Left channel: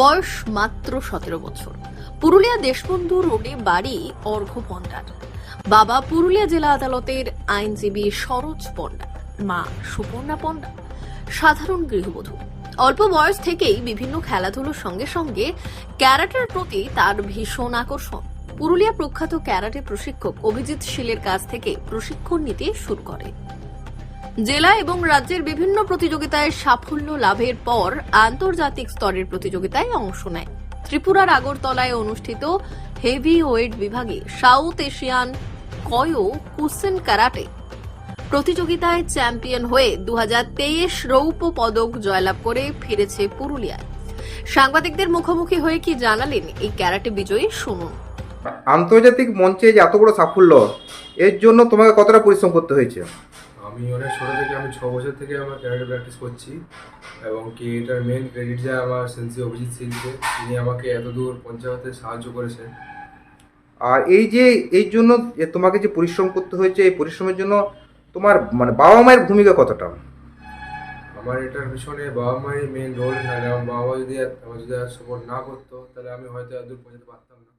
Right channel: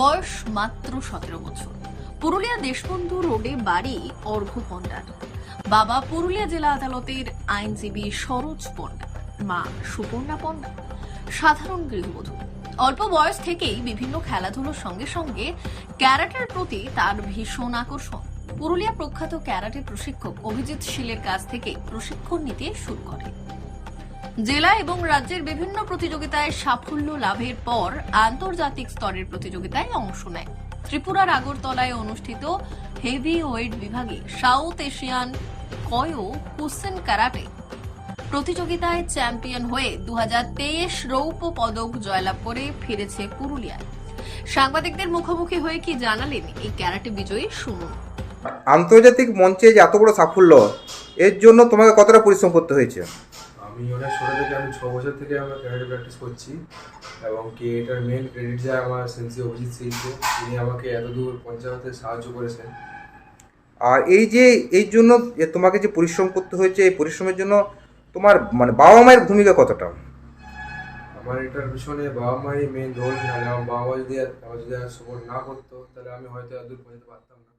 বয়স মাত্র সতেরো বছর। পুরুলিয়া দেশবন্ধু রোডে বাড়ি অর্ঘ পণ্ডার বাবা পুরুলিয়া জেলা আদালতের আইনজীবী সরোজ পণ্ডা মা সুপর্ণা পণ্ডা সাধারণ গৃহবধূ। অল্প বয়স থেকেই বিভিন্ন খেলাধুলোর সঙ্গে সঙ্গে ক্যারাটের প্রতি তার ভীষণ আকর্ষণ। পুরুলিয়া প্রখ্যাত ক্যারাটে প্রশিক্ষক অভিজিৎ শীলের কাছ থেকে প্রশিক্ষণ নিতে শুরু করে। জেলা এবং রাজ্যের বিভিন্ন প্রতিযোগিতায় সাফল্য লাভের পর আন্তর্জাতিক স্তরের প্রতিযোগিতায় অংশ নেয়। ত্রিপুরার আগরতলায় অনুষ্ঠিত হেভি ওয়েট বিভাগে South Asian Kyokushin karate প্রতিযোগিতায় চ্যাম্পিয়ন হয়ে দু রৌপ্য পদক জয়লাভ করে ফিরেছে পুরুলিয়ায় সাংবাদিকদের মুখোমুখি হয়ে কি জানালেন এই ক্যারাটে বিজয়ী? শুনুন। আন্তর্জাতিক মঞ্চে যে এত বড় সাফল্য, এর জন্য তোমাকে কতটা পরিশ্রম করতে হয়েছে? আমি অনেক ছোটো থেকে আমি ছ বছর থেকে আমার ক্যারাটে প্র্যাকটিস করছি। এবং কি এটার মেন ক্রেডিট যায় আমার সেন্সি অভিজিৎ সিংকে তিনি আমাকে এত দূর পৌঁছাতে সাহায্য করেছেন। আর এই যে এই জন্য যে তোমাকে যে পরিশ্রম করতে হয়েছে এই পরিশ্রমের জন্য তোমার মানে বাবা মায়ের ভূমিকা কতটা? আমার এটার পিছনে বাবা মায়ের মেন রোল নাহলে আমার বাবা মা যদি আমার যদি সাপোর্ট না করতো তাহলে আমি হয়তো এত দূর পৌঁছাতে পারতাম না।